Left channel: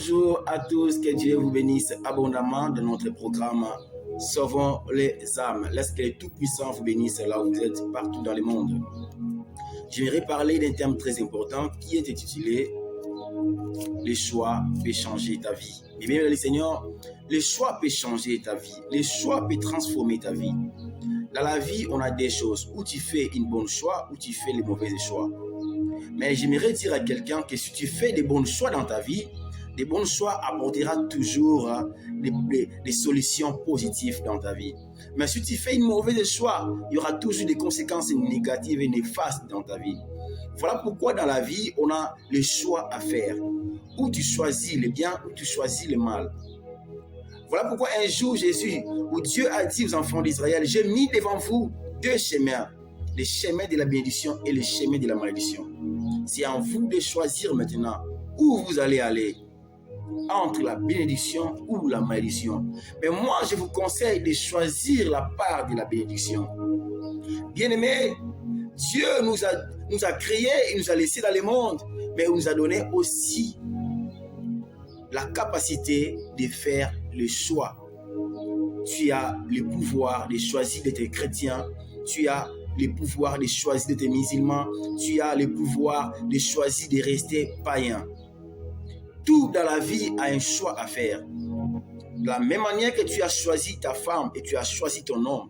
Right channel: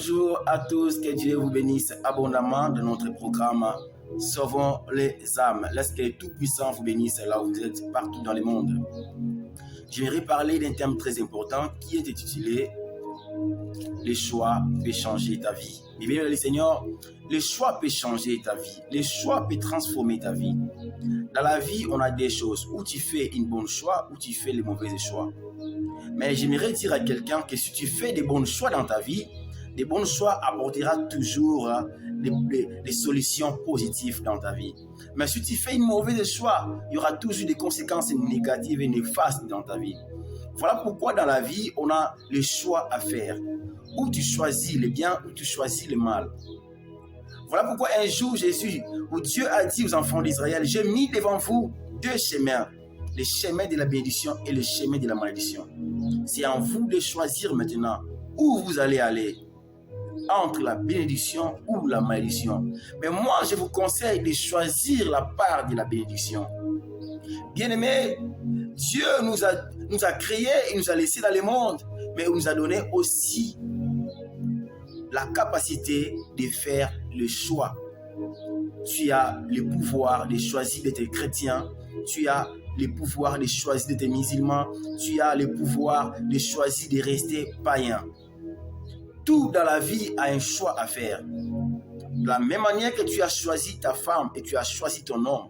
Bonjour à tous, que Dieu vous bénisse abondamment dans notre programme Sauvons les âmes. Laisse que le Tout-Puissant vous bénisse là où vous êtes, partout dans le monde. J'aimerais parler d'un terme très important qui est intitulé « Le choix peut changer ta vie ». Et bien, le Seigneur, le choix peut changer ta vie. Le choix peut transformer ta vie. Dans la vie, on a des choses où tu fais une bonne choix, où tu fais les mauvais choix. Mais j'aimerais dire à quelqu'un que si tu fais des bons choix dans ta vie, des bons choix apporteront toujours des solutions positives dans ta vie. Mais si tu fais une mauvaise choix, il y aura toujours des conséquences négatives et néfastes dans ta vie. Voilà pourquoi dans la vie, on a le choix à faire. Où tu choisis le bien, ou tu choisis le mal. Voilà pourquoi un jour, Jésus, où Dieu a dit aux enfants d'Israël, j'ai mis devant vous deux chemins, le chemin de la bénédiction et le chemin de la malédiction. C'est à vous de choisir maintenant où vous allez aller, entre la bénédiction ou la malédiction. Mais moi, je vous conseille de choisir la part de la bénédiction. Bien-aimés, Dieu nous a créés et nous a laissés dans le monde, mais il nous a donné aussi la capacité de faire le choix. Tu as le pouvoir de choisir d'être chrétien, tu as le pouvoir de choisir d'être musulman, tu as le pouvoir de choisir de rester païen. Tout dans la vie a un choix à faire. De la même manière que tu as choisi ta femme et tu as choisi ton homme,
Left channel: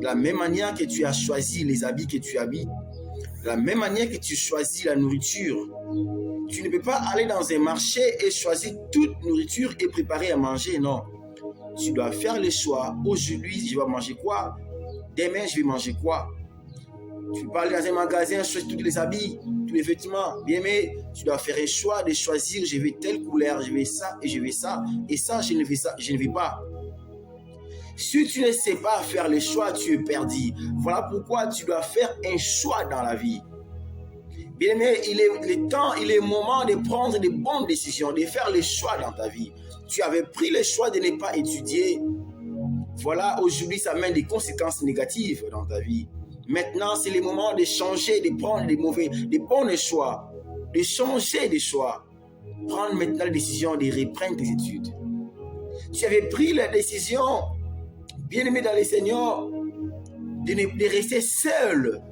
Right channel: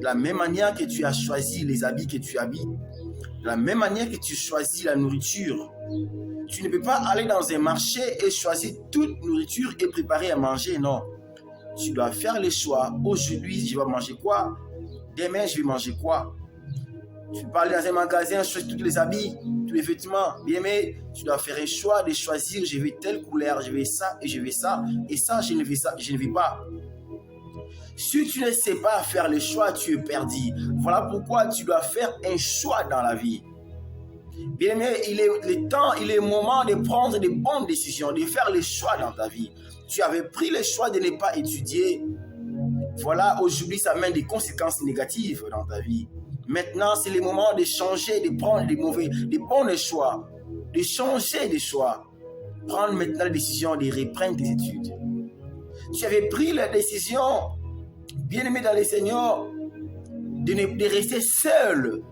de la même manière que tu as choisi les habits que tu habites, de la même manière que tu choisis la nourriture, tu ne peux pas aller dans un marché et choisir toute nourriture et préparer à manger, non. Tu dois faire le choix. Aujourd'hui, je vais manger quoi? Demain, je vais manger quoi? Tu peux aller dans un magasin, choisir tous les habits, tous les vêtements. Bien, mais tu dois faire un choix de choisir, je veux telle couleur, je veux ça, et je veux ça, et ça, je ne veux ça, je ne veux pas. Si tu ne sais pas faire le choix, tu es perdu. Voilà pourquoi tu dois faire un choix dans la vie. Bien aimé, il est le moment de prendre de bonnes décisions, de faire les choix dans ta vie. Tu avais pris le choix de ne pas étudier. Voilà, aujourd'hui, ça mène des conséquences négatives dans ta vie. Maintenant, c'est le moment de changer, de prendre des bons choix, de changer de choix. Prendre maintenant la décision de reprendre tes études. Tu avais pris la décision, bien aimé dans le Seigneur, de rester seul.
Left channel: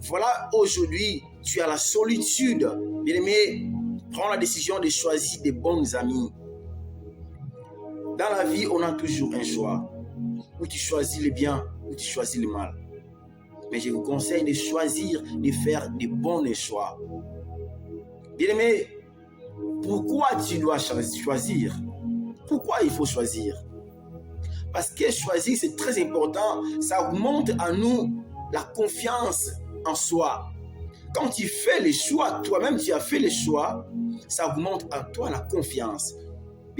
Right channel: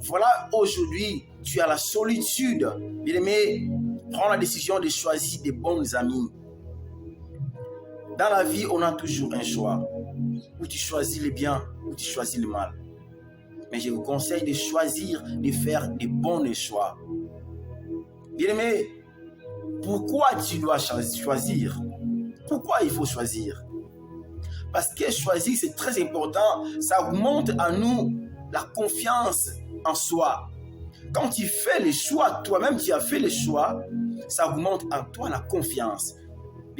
Voilà, aujourd'hui, tu as la solitude. Bien aimé, prends la décision de choisir des bons amis. Dans la vie, on a toujours un choix. Où tu choisis le bien, ou tu choisis le mal. Mais je vous conseille de choisir, de faire des bons choix. Bien aimé, pourquoi tu dois choisir? Pourquoi il faut choisir? Parce que choisir, c'est très important. Ça augmente en nous la confiance en soi. Quand tu fais les choix, toi-même tu as fait les choix, ça augmente en toi la confiance.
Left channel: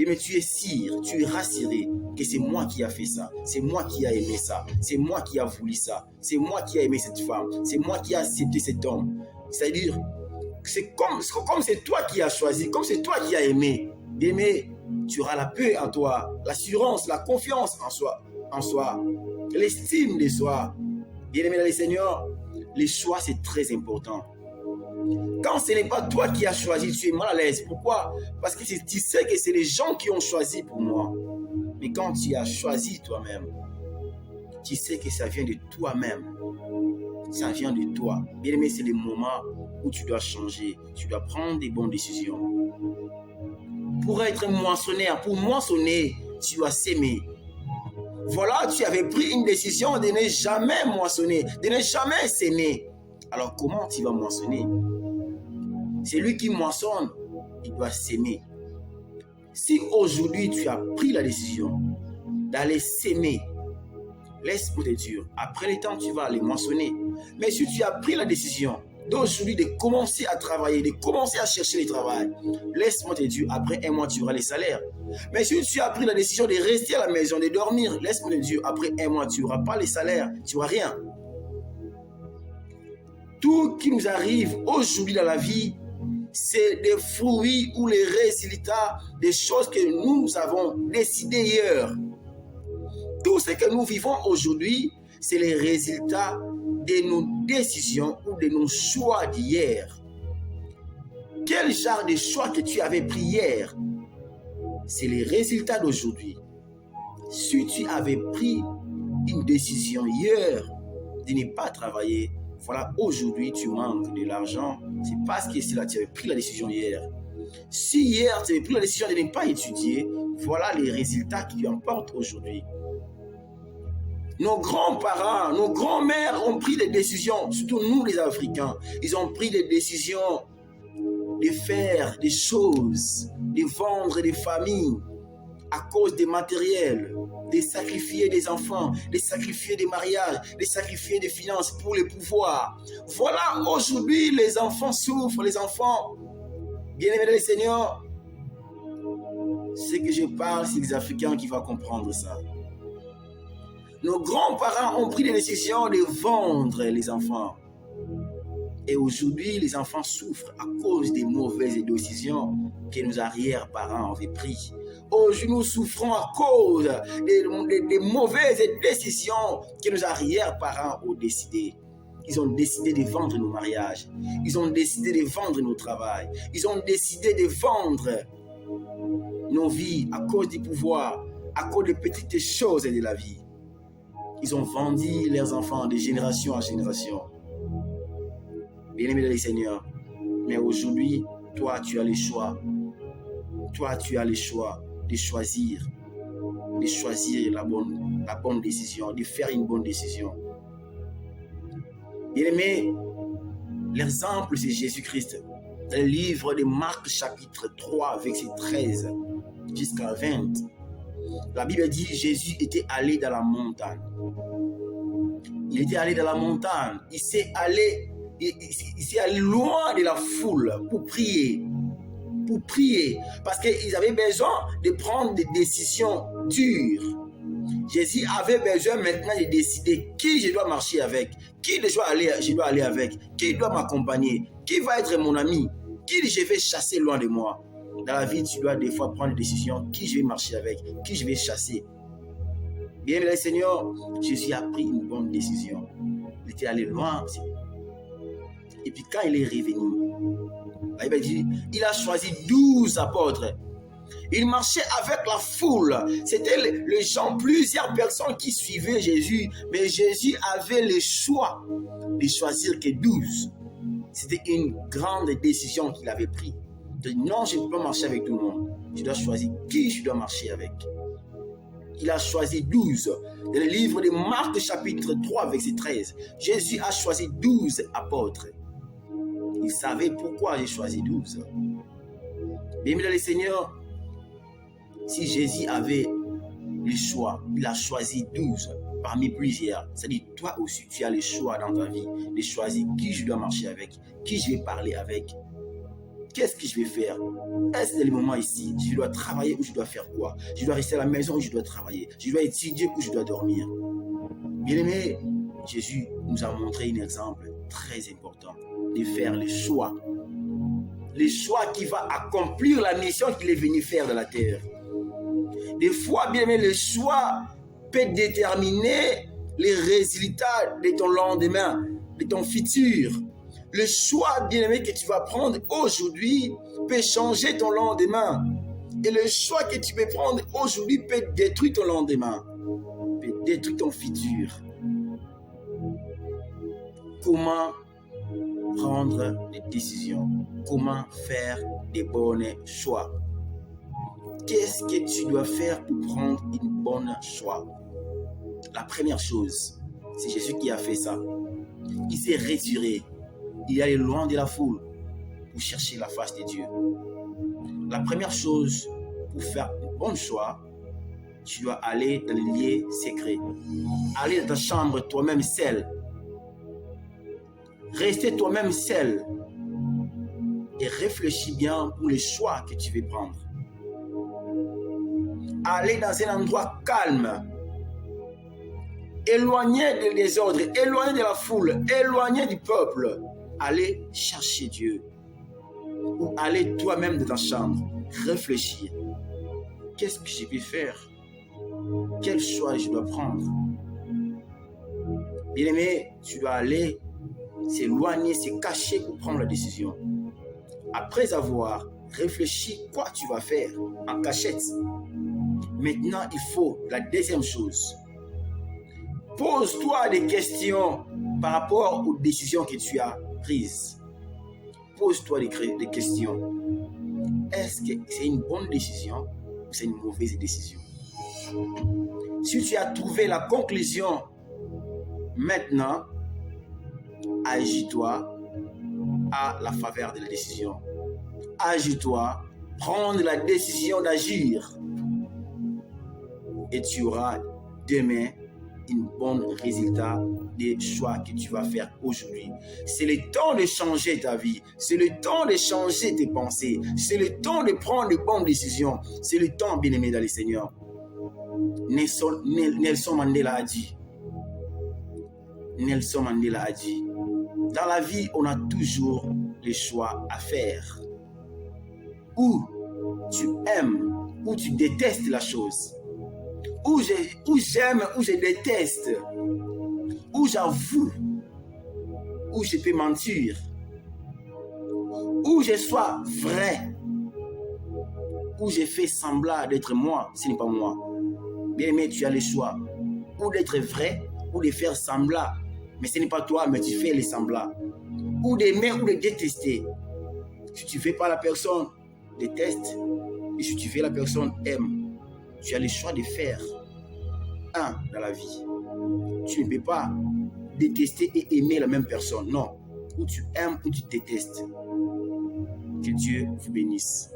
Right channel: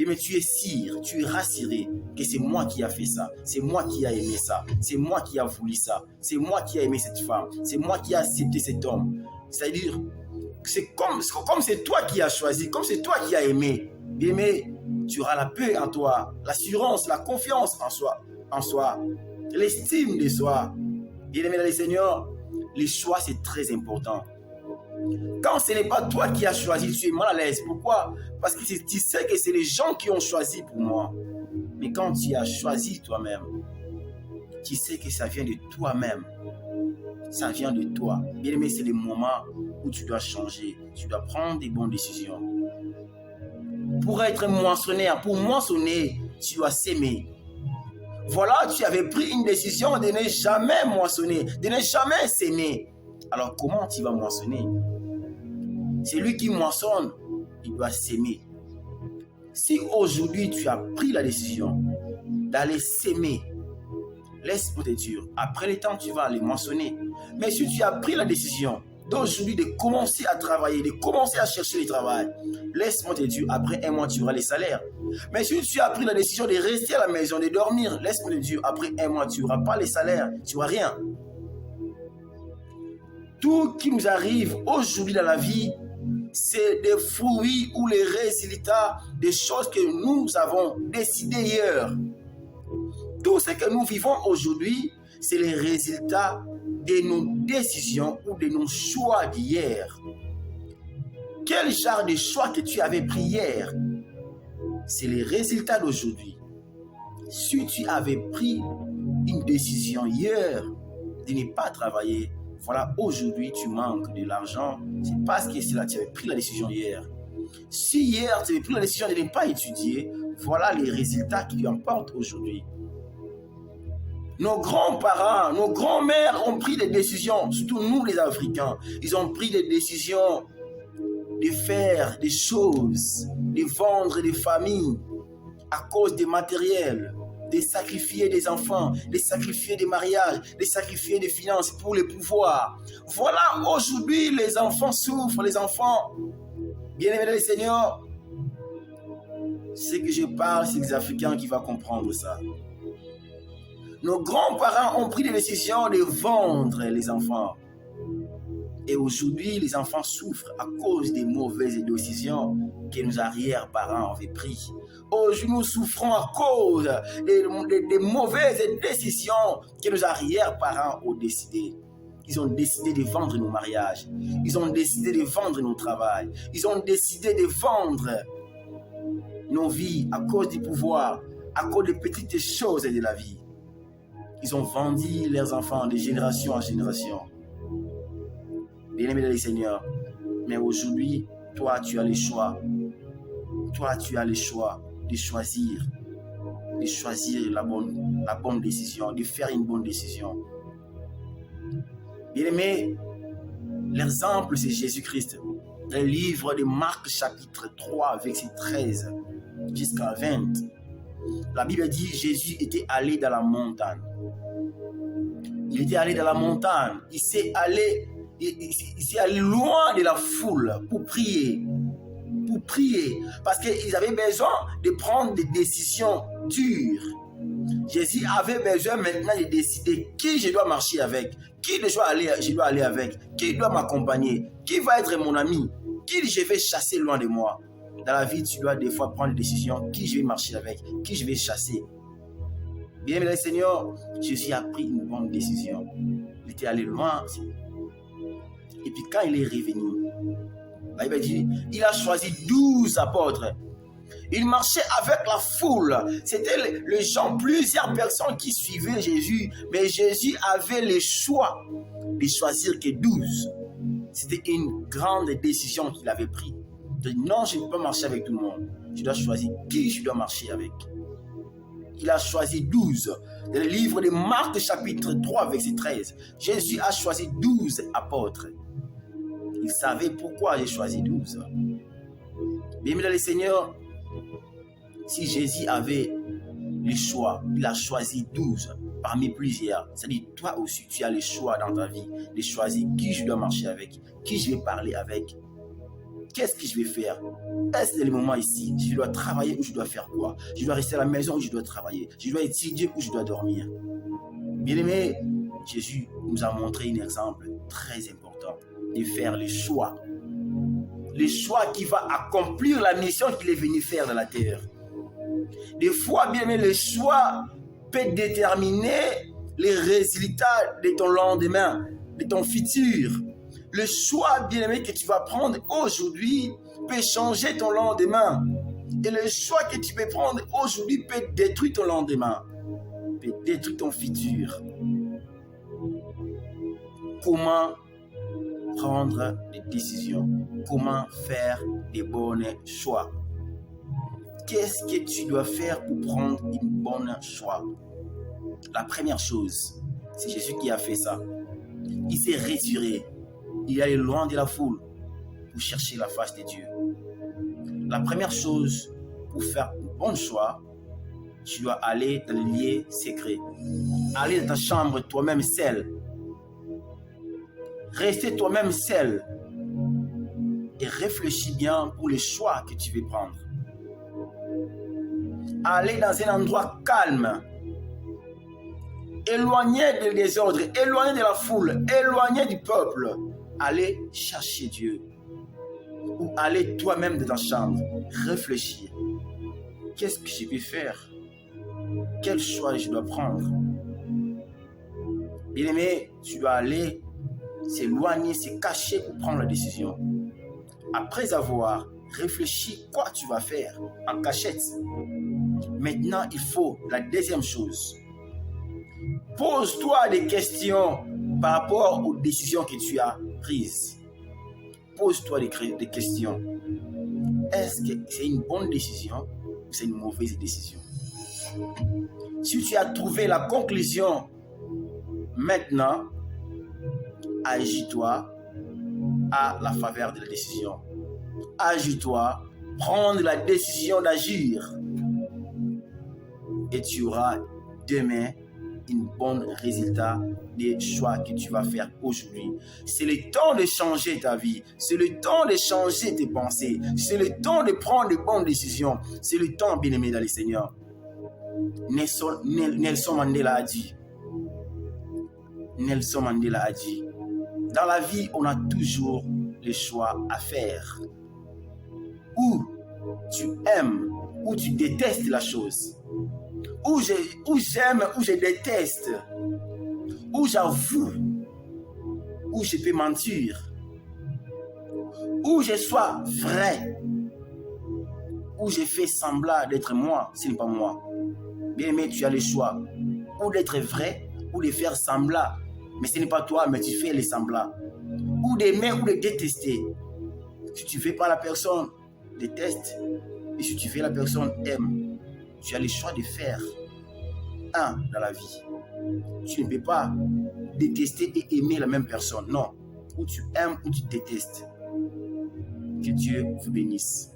Mais tu es sûr, tu es rassuré que c'est moi qui a fait ça, c'est moi qui a aimé ça, c'est moi qui a voulu ça, c'est moi qui a aimé cette femme, c'est moi qui a accepté cet homme. C'est-à-dire, c'est comme c'est toi qui as choisi, comme c'est toi qui as aimé. Mais tu auras la paix en toi, l'assurance, la confiance en soi, l'estime de soi. Bien-aimé dans le Seigneur, le choix c'est très important. Quand ce n'est pas toi qui as choisi, tu es mal à l'aise. Pourquoi? Parce que tu sais que c'est les gens qui ont choisi pour moi. Mais quand tu as choisi toi-même, tu sais que ça vient de toi-même. Ça vient de toi. Bien aimé, c'est le moment où tu dois changer. Tu dois prendre des bonnes décisions. Pour être moissonneur, pour moissonner, tu dois s'aimer. Voilà, tu avais pris une décision de ne jamais moissonner, de ne jamais s'aimer. Alors comment tu vas moissonner? C'est lui qui moissonne, il doit s'aimer. Si aujourd'hui tu as pris la décision d'aller s'aimer, laisse-moi te dire, après le temps tu vas aller moissonner. Mais si tu as pris la décision d'aujourd'hui de commencer à travailler, de commencer à chercher le travail, laisse-moi te dire, après un mois tu auras les salaires. Mais si tu as pris la décision de rester à la maison, de dormir, laisse-moi te dire, après un mois tu n'auras pas les salaires, tu n'auras rien. Tout qui nous arrive aujourd'hui dans la vie, c'est des fruits ou les résultats des choses que nous avons décidées hier. Tout ce que nous vivons aujourd'hui, c'est les résultats de nos décisions ou de nos choix d'hier. Quel genre de choix que tu avais pris hier? c'est les résultats d'aujourd'hui. Si tu avais pris une décision hier de ne pas travailler, voilà, aujourd'hui tu manques de l'argent, c'est parce que tu avais pris la décision hier. Si hier tu avais pris la décision de ne pas étudier, voilà les résultats qui emportent aujourd'hui. Nos grands-parents, nos grands-mères ont pris des décisions, surtout nous les Africains, ils ont pris des décisions de faire des choses, de vendre des familles à cause des matériels, de sacrifier des enfants, de sacrifier des mariages, de sacrifier des finances pour les pouvoirs. Voilà, aujourd'hui, les enfants souffrent, les enfants, bien-aimés du Seigneur. Ce que je parle, c'est les Africains qui vont comprendre ça. Nos grands-parents ont pris des décisions de vendre les enfants. Et aujourd'hui, les enfants souffrent à cause des mauvaises décisions que nos arrière-parents avaient prises. Aujourd'hui, nous souffrons à cause des mauvaises décisions que nos arrière-parents ont décidées. Ils ont décidé de vendre nos mariages. Ils ont décidé de vendre nos travails. Ils ont décidé de vendre nos vies à cause du pouvoir, à cause des petites choses de la vie. Ils ont vendu leurs enfants de génération en génération. Bien-aimé dans le Seigneur, mais aujourd'hui, toi, tu as le choix. Toi, tu as le choix de choisir la bonne décision, de faire une bonne décision. Bien-aimé, l'exemple, c'est Jésus-Christ. Dans le livre de Marc, chapitre 3, verset 13 jusqu'à 20, la Bible dit que Jésus était allé dans la montagne. Il était allé dans la montagne. Il s'est allé loin de la foule pour prier. Parce qu'ils avaient besoin de prendre des décisions dures. Jésus avait besoin maintenant de décider qui je dois marcher avec, qui je dois aller avec, qui doit m'accompagner, qui va être mon ami, qui je vais chasser loin de moi. Dans la vie, tu dois des fois prendre des décisions, qui je vais marcher avec, qui je vais chasser. Bien, le Seigneur, Jésus a pris une bonne décision. Il était allé loin. Et puis quand il est revenu, la Bible dit, il a choisi 12 apôtres. Il marchait avec la foule. C'était les gens, plusieurs personnes qui suivaient Jésus. Mais Jésus avait le choix de choisir que 12. C'était une grande décision qu'il avait prise. De non, je ne peux pas marcher avec tout le monde. Je dois choisir qui je dois marcher avec. Il a choisi 12. Dans le livre de Marc, chapitre 3, verset 13, Jésus a choisi 12 apôtres. Il savait pourquoi j'ai choisi 12. Bien-aimé dans le Seigneur, si Jésus avait le choix, il a choisi 12 parmi plusieurs. C'est-à-dire, toi aussi, tu as le choix dans ta vie de choisir qui je dois marcher avec, qui je vais parler avec. Qu'est-ce que je vais faire? Est-ce que c'est le moment ici? Je dois travailler ou je dois faire quoi? Je dois rester à la maison ou je dois travailler? Je dois étudier ou je dois dormir? Bien-aimé, Jésus nous a montré un exemple très important de faire le choix. Le choix qui va accomplir la mission qu'il est venu faire dans la terre. Des fois, bien-aimé, le choix peut déterminer les résultats de ton lendemain, de ton futur. Le choix, bien-aimé, que tu vas prendre aujourd'hui peut changer ton lendemain. Et le choix que tu peux prendre aujourd'hui peut détruire ton lendemain, peut détruire ton futur. Comment prendre des décisions? Comment faire des bons choix? Qu'est-ce que tu dois faire pour prendre une bonne choix? La première chose, c'est Jésus qui a fait ça. Il s'est retiré. Il est allé loin de la foule pour chercher la face de Dieu. La première chose pour faire un bon choix, tu dois aller dans les lieux secrets. Aller dans ta chambre toi-même seul. Rester toi-même seul. Et réfléchis bien pour les choix que tu veux prendre. Aller dans un endroit calme. Éloigné des désordres, éloigné de la foule, éloigné du peuple. Aller chercher Dieu. Ou aller toi-même dans ta chambre. Réfléchir. Qu'est-ce que je peux faire? Quel choix je dois prendre? Bien-aimé, tu dois aller s'éloigner, se cacher pour prendre la décision. Après avoir réfléchis quoi tu vas faire en cachette. Maintenant, il faut la deuxième chose. Pose-toi des questions par rapport aux décisions que tu as prises. Pose-toi des questions. Est-ce que c'est une bonne décision ou c'est une mauvaise décision? Si tu as trouvé la conclusion, maintenant, agis-toi à la faveur de la décision. Agis-toi, prends la décision d'agir. Et tu auras demain un bon résultat des choix que tu vas faire aujourd'hui. C'est le temps de changer ta vie. C'est le temps de changer tes pensées. C'est le temps de prendre de bonnes décisions. C'est le temps, bien-aimé dans le Seigneur. Nelson Mandela a dit. Nelson Mandela a dit. Dans la vie, on a toujours les choix à faire. Ou tu aimes, ou tu détestes la chose. Ou j'aime, ou je déteste. Ou j'avoue, ou je peux mentir. Ou je sois vrai. Ou je fais semblant d'être moi, ce n'est pas moi. Bien aimé, tu as le choix. Ou d'être vrai, ou de faire semblant. Mais ce n'est pas toi, mais tu fais les semblants. Ou d'aimer, ou de détester. Si tu ne fais pas la personne, déteste. Et si tu fais la personne, aime. Tu as le choix de faire un dans la vie. Tu ne peux pas détester et aimer la même personne. Non. Ou tu aimes ou tu détestes. Que Dieu vous bénisse.